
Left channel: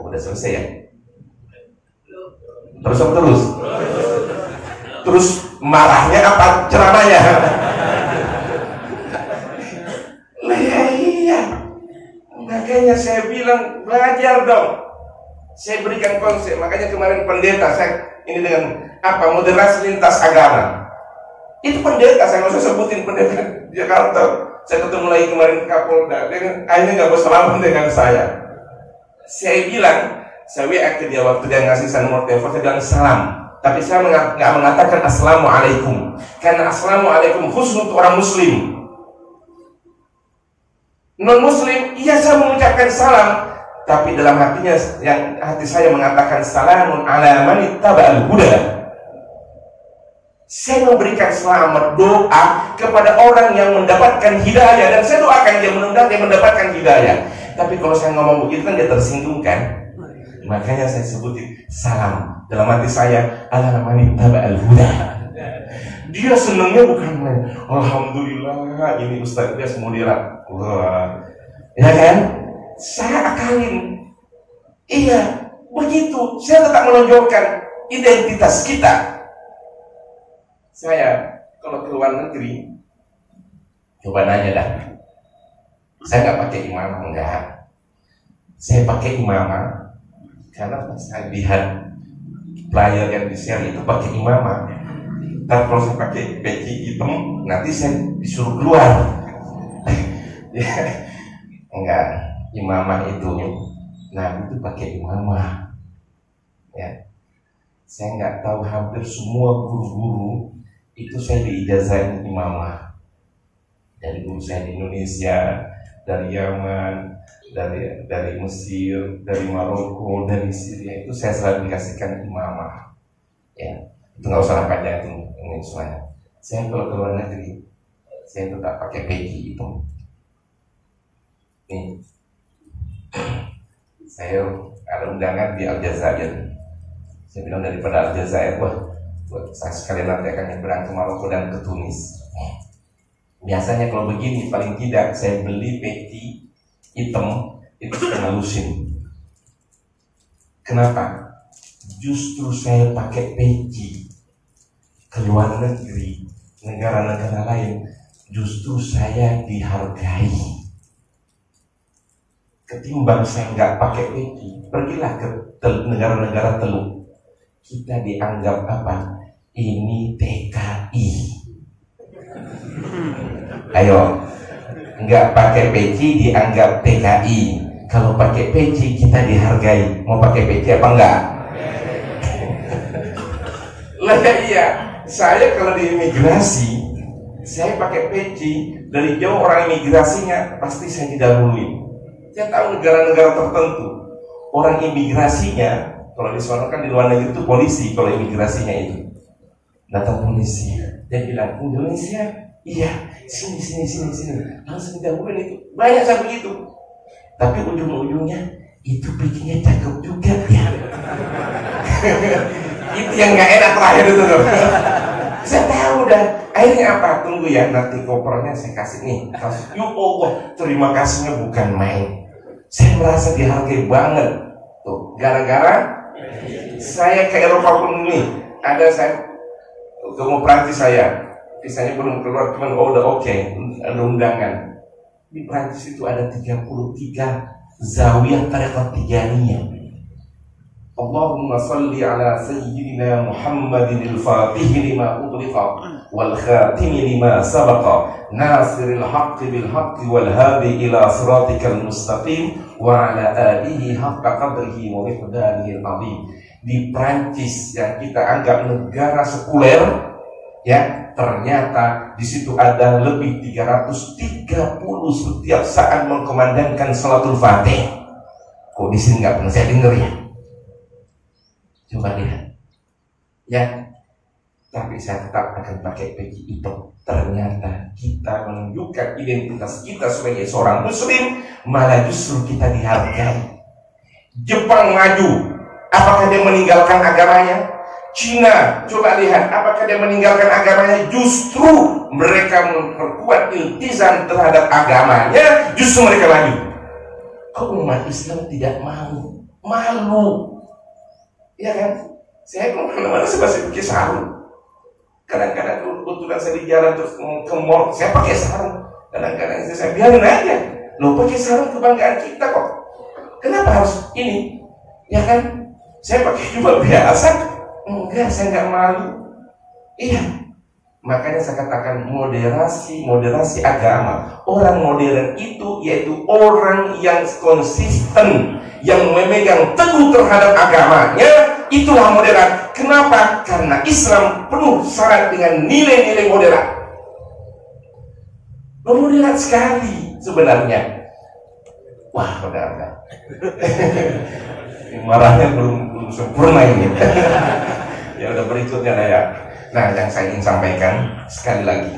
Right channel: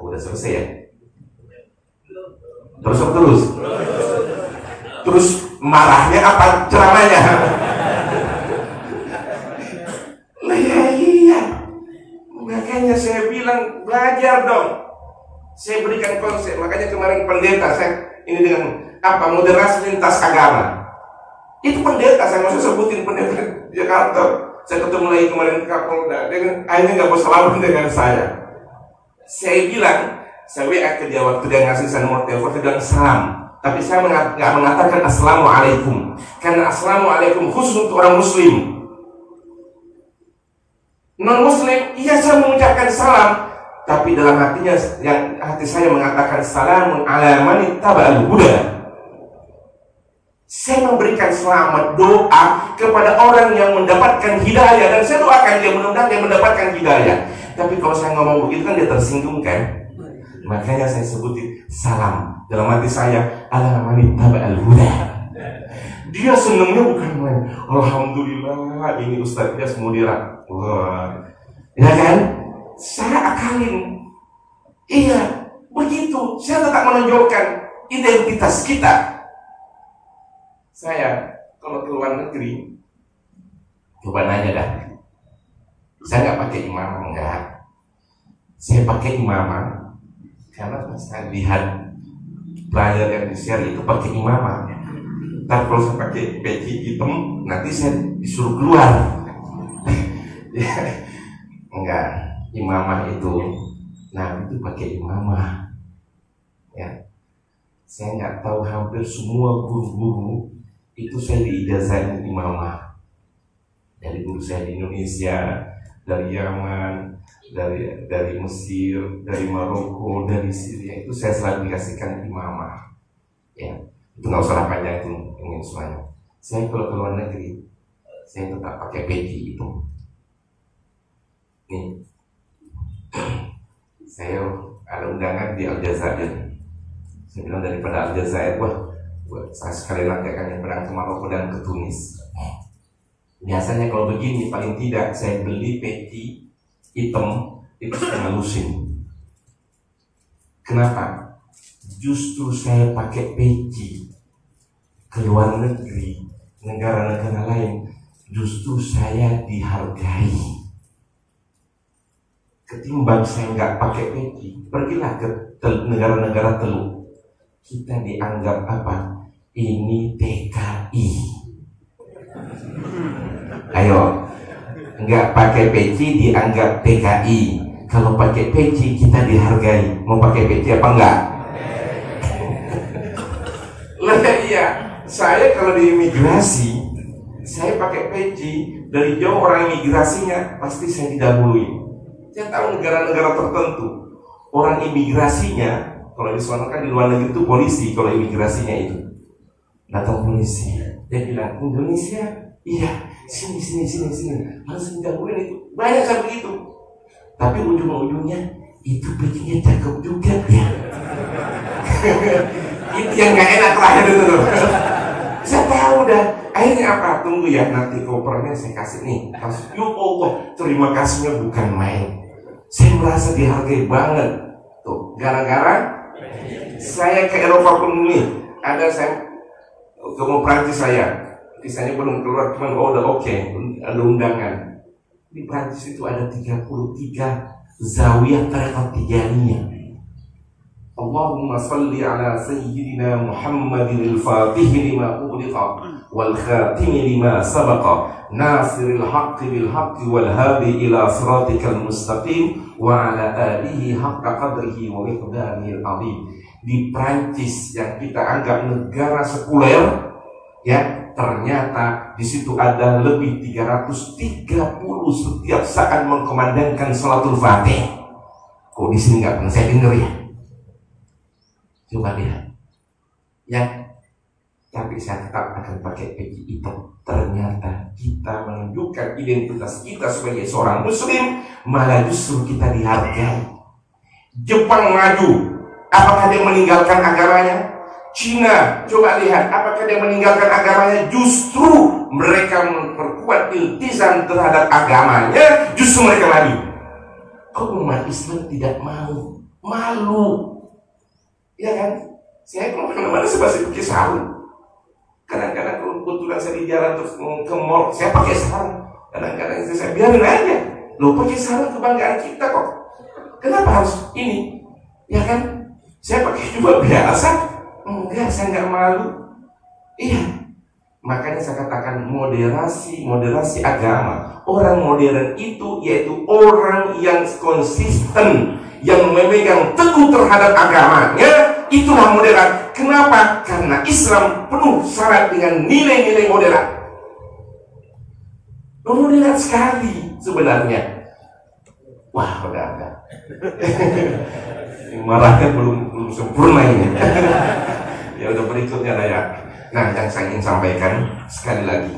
Udah selesai ya? Terus marahnya apa ceramahnya? Nah iya. Makanya saya bilang belajar dong. Saya berikan konsep. Makanya kemarin pendeta saya ini dengan apa moderasi lintas agama. Itu pendeta saya maksud sebutin pendeta Jakarta. Saya ketemu lagi kemarin Kapolda. Akhirnya nggak bersalaman dengan saya. Saya bilang saya WA ke dia waktu dia ngasih saya nomor telepon, saya bilang salam. Tapi saya nggak mengatakan assalamualaikum, karena assalamualaikum khusus untuk orang muslim. Non muslim, iya saya mengucapkan salam, tapi dalam hatinya, yang hati saya mengatakan salamun ala man ittaba'al huda. Saya memberikan selamat doa kepada orang yang mendapatkan hidayah, dan saya doakan dia mudah-mudahan dia mendapatkan hidayah. Tapi kalau saya ngomong begitu kan dia tersinggung kan? Makanya saya sebutin salam. Dalam hati saya, ala man ittaba'al huda. Dia senangnya bukan main. Alhamdulillah ini Ustaz dia mudirat. Wah, ya kan? Saya akalin. Iya, begitu. Saya tetap menonjolkan identitas kita. Saya kalau ke luar negeri, coba nanya dah. Saya nggak pakai imarah, enggak. Saya pakai imamah karena saya lihat player yang di-share itu pakai imamah. Tapi kalau saya pakai peci hitam, nanti saya disuruh keluar. Enggak, imamah itu, nah itu pakai imamah. Ya, saya nggak tahu, hampir semua guru-guru itu saya diijazahin imamah. Dari guru saya di Indonesia, dari Yaman, dari Mesir, dari Maroko, dari Syria, itu saya selalu dikasihkan imamah. Ya, itu nggak usah panjang itu ini semuanya. Saya kalau ke luar negeri, saya tetap pakai peci itu. Nih, saya ada undangan di Aljazair. Saya bilang daripada Aljazair, buat saya sekali nanti akan nyebrang ke Maroko dan ke Tunis. Biasanya kalau begini, paling tidak saya beli peci hitam itu setengah lusin. Kenapa? Justru saya pakai peci ke luar negeri, negara-negara lain, justru saya dihargai. Ketimbang saya nggak pakai peci, pergilah ke negara-negara Teluk, kita dianggap apa? Ini TKI. Ayo, nggak pakai peci dianggap TKI. Kalau pakai peci kita dihargai. Mau pakai peci apa enggak? Lah iya, saya kalau di imigrasi, saya pakai peci. Dari jauh orang imigrasinya pasti saya didahului. Saya tahu negara-negara tertentu orang imigrasinya, kalau di sana kan di luar negeri itu polisi, kalau imigrasinya itu datang polisi, dia bilang Indonesia, iya, sini, langsung didahuluin itu. Banyak kan begitu. Tapi ujung-ujungnya itu pecinya cakep juga ya. Itu yang nggak enak terakhir itu loh. Saya tahu dah. Akhirnya apa? Tunggu ya, nanti kopernya saya kasih nih. Kasih. Ya Allah, terima kasihnya bukan main. Saya merasa dihargai banget. Tuh, gara-gara saya ke Eropa pun nih. Ada saya untuk mau Prancis saya. Visanya belum keluar, cuman udah oke, ada undangan. Di Prancis itu ada 33 zawiyah tarekat tijaniyah. Allahumma salli ala sayyidina Muhammadin al-Fatih lima ughliqa wal khatim lima sabaqa nasiril haqqi bil haqqi wal hadi ila siratikal mustaqim wa ala alihi haqqa qadrihi wa miqdarihi al-azim. Di Prancis yang kita anggap negara sekuler, ya, ternyata di situ ada lebih 330 setiap saat mengkumandangkan salatul fatih. Kok di sini nggak pernah saya dengar ya? Coba lihat, ya. Tapi saya tetap akan pakai peci hitam. Ternyata kita menunjukkan identitas kita sebagai seorang Muslim, malah justru kita dihargai. Jepang maju, apakah dia meninggalkan agamanya? Cina, coba lihat, apakah dia meninggalkan agamanya? Justru mereka memperkuat iltizam terhadap agamanya, justru mereka maju. Kok umat Islam tidak mau? Malu, ya kan? Saya kemana-mana saya masih pakai sarung. Kadang-kadang kebetulan saya di jalan terus ke mall, saya pakai sarung. Kadang-kadang saya biarin aja. Loh, pakai sarung kebanggaan kita kok. Kenapa harus ini? Ya kan? Saya pakai jubah biasa. Enggak, saya nggak malu. Iya, makanya saya katakan moderasi agama. Orang modern itu yaitu orang yang konsisten, yang memegang teguh terhadap agamanya. Itulah moderat. Kenapa? Karena Islam penuh syarat dengan nilai-nilai moderat. Moderat sekali sebenarnya. Wah, udah. Marahnya belum sempurna ini. Ya udah, berikutnya ya. Nah, yang saya ingin sampaikan sekali lagi,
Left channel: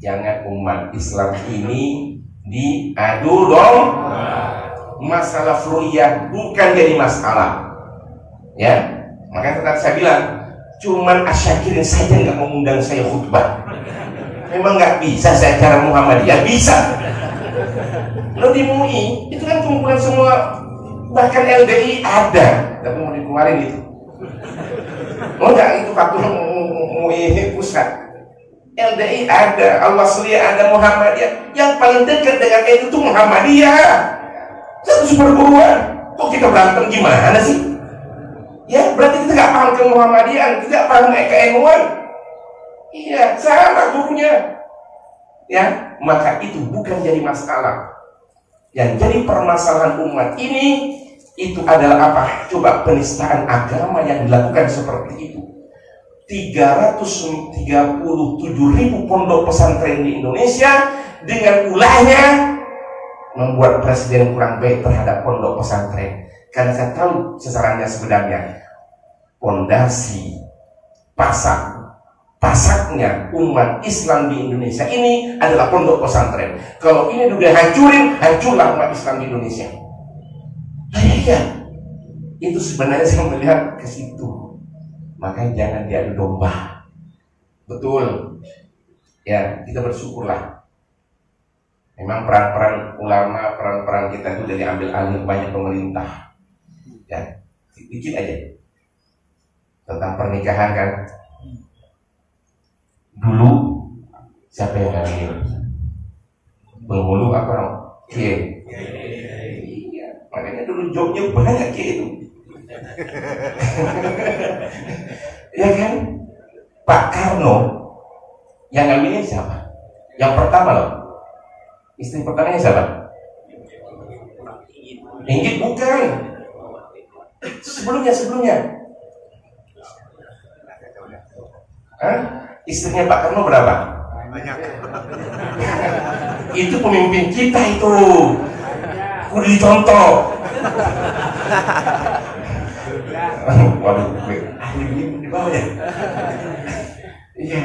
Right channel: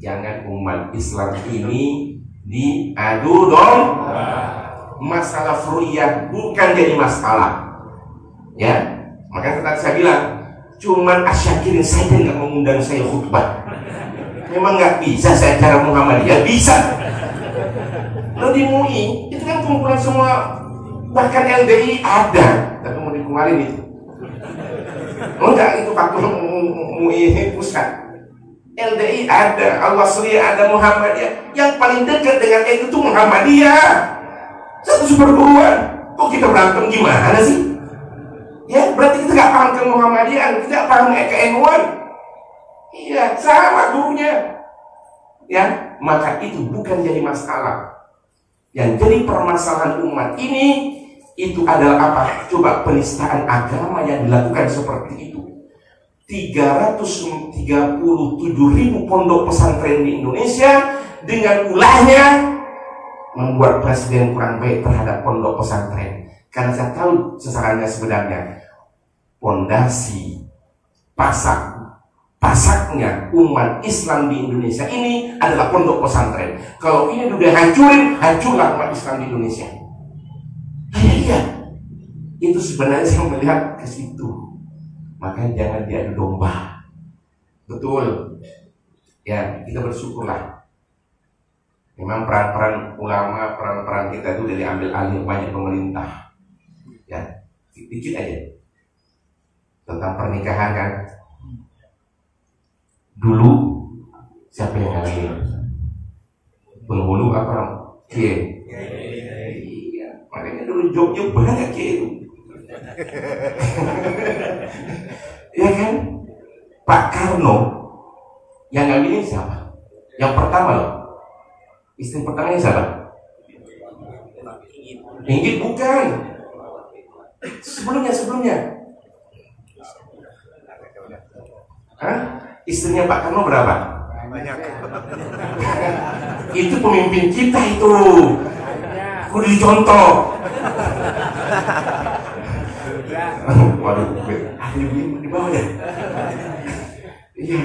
jangan umat Islam ini diadu domba. Masalah furu'iyah bukan jadi masalah. Ya, makanya tadi saya bilang, cuman asyakirin saja nggak mengundang saya khutbah. Memang nggak bisa saya acara Muhammadiyah, bisa. Lo di MUI itu kan kumpulan semua, bahkan LDI ada, tapi mau dikeluarin itu. Oh enggak, itu waktu MUI pusat. LDI ada, Al-Wasliyah ada, Muhammadiyah. Yang paling dekat dengan itu tuh Muhammadiyah. Satu seperguruan. Kok kita berantem gimana sih? Ya berarti kita gak paham ke Muhammadiyah, kita gak paham ke NU-an. Iya, sama gurunya. Ya, maka itu bukan jadi masalah. Yang jadi permasalahan umat ini itu adalah apa? Coba penistaan agama yang dilakukan seperti itu. 337.000 pondok pesantren di Indonesia dengan ulahnya membuat presiden kurang baik terhadap pondok pesantren. Karena saya tahu sasarannya sebenarnya pondasi pasaknya umat Islam di Indonesia ini adalah pondok pesantren. Kalau ini udah hancurin, hancurlah umat Islam di Indonesia. Iya, itu sebenarnya saya melihat ke situ. Makanya jangan diadu domba. Betul. Ya, kita bersyukurlah. Memang peran-peran ulama, peran-peran kita itu dari ambil alih banyak pemerintah. Ya, dikit aja. Tentang pernikahan kan. Dulu siapa yang ngambil? Penghulu apa? Kiai. Iya, makanya dulu jobnya banyak kiai itu. Ya kan? Pak Karno yang ngambilin siapa? Yang pertama loh. Istri pertamanya siapa? Inggit bukan. Sebelumnya. Hah? Istrinya Pak Karno berapa? Banyak. Itu pemimpin kita itu. Kudu dicontoh. Waduh, ahli di bawah ya. Iya,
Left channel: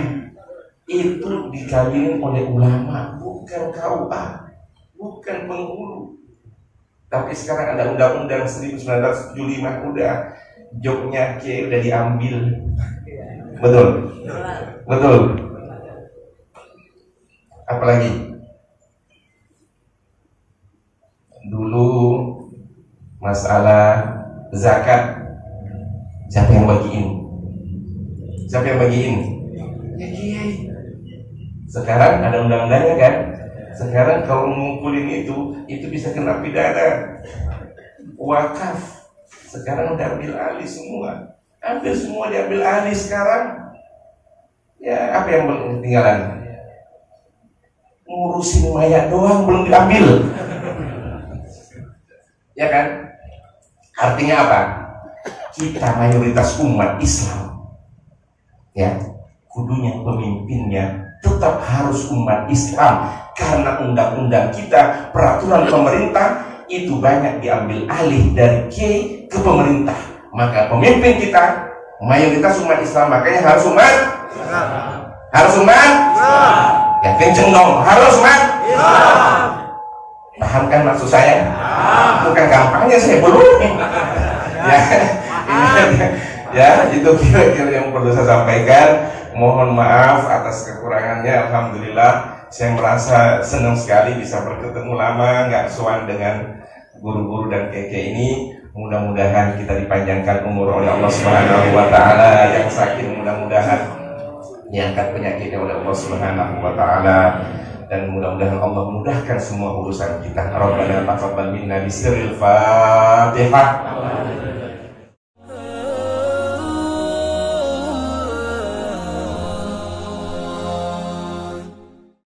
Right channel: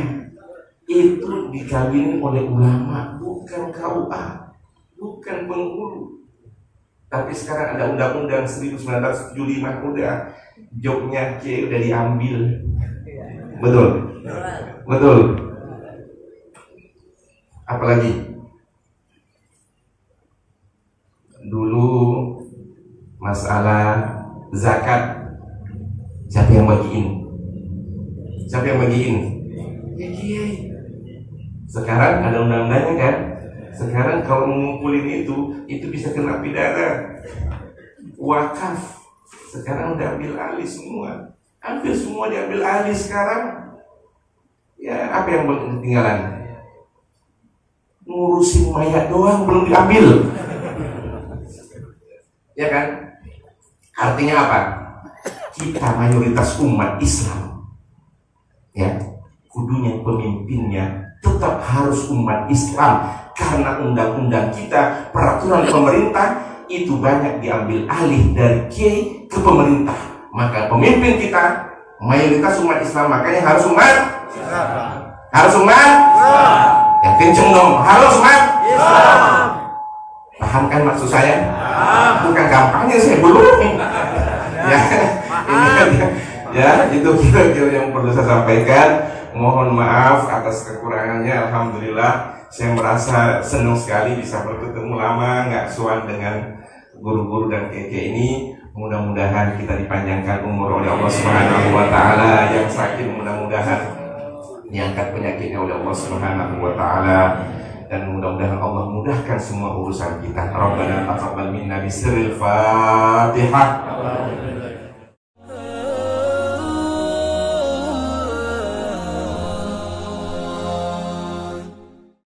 itu dikawinin oleh ulama, bukan KUA, bukan penghulu. Tapi sekarang ada undang-undang 1975 udah jobnya kiai udah diambil. Betul. Apalagi dulu masalah zakat, siapa yang bagiin? Ya kiai. Sekarang ada undang-undangnya kan? Sekarang kalau ngumpulin itu bisa kena pidana. Wakaf sekarang udah ambil alih semua. Hampir semua diambil alih sekarang. Ya, apa yang belum ketinggalan? Ngurusin mayat doang belum diambil. Ya kan? Artinya apa? Kita mayoritas umat Islam, ya, kudunya pemimpinnya tetap harus umat Islam. Karena undang-undang kita, peraturan pemerintah itu banyak diambil alih dari kiai ke pemerintah. Maka pemimpin kita mayoritas umat Islam, makanya harus umat Islam. Harus umat Islam. Ya kenceng dong, harus umat Islam. Paham kan maksud saya? Bukan kampanye saya belum. Ya, itu kira-kira yang perlu saya sampaikan. Mohon maaf atas kekurangannya. Alhamdulillah, saya merasa senang sekali bisa bertemu lama, nggak suan dengan guru-guru dan keke ini. Mudah-mudahan kita dipanjangkan umur oleh Allah Subhanahu wa taala, yang sakit mudah-mudahan diangkat penyakitnya oleh Allah Subhanahu wa taala, dan mudah-mudahan Allah mudahkan semua urusan kita. Rabbana taqabbal minna bisirril Fatihah.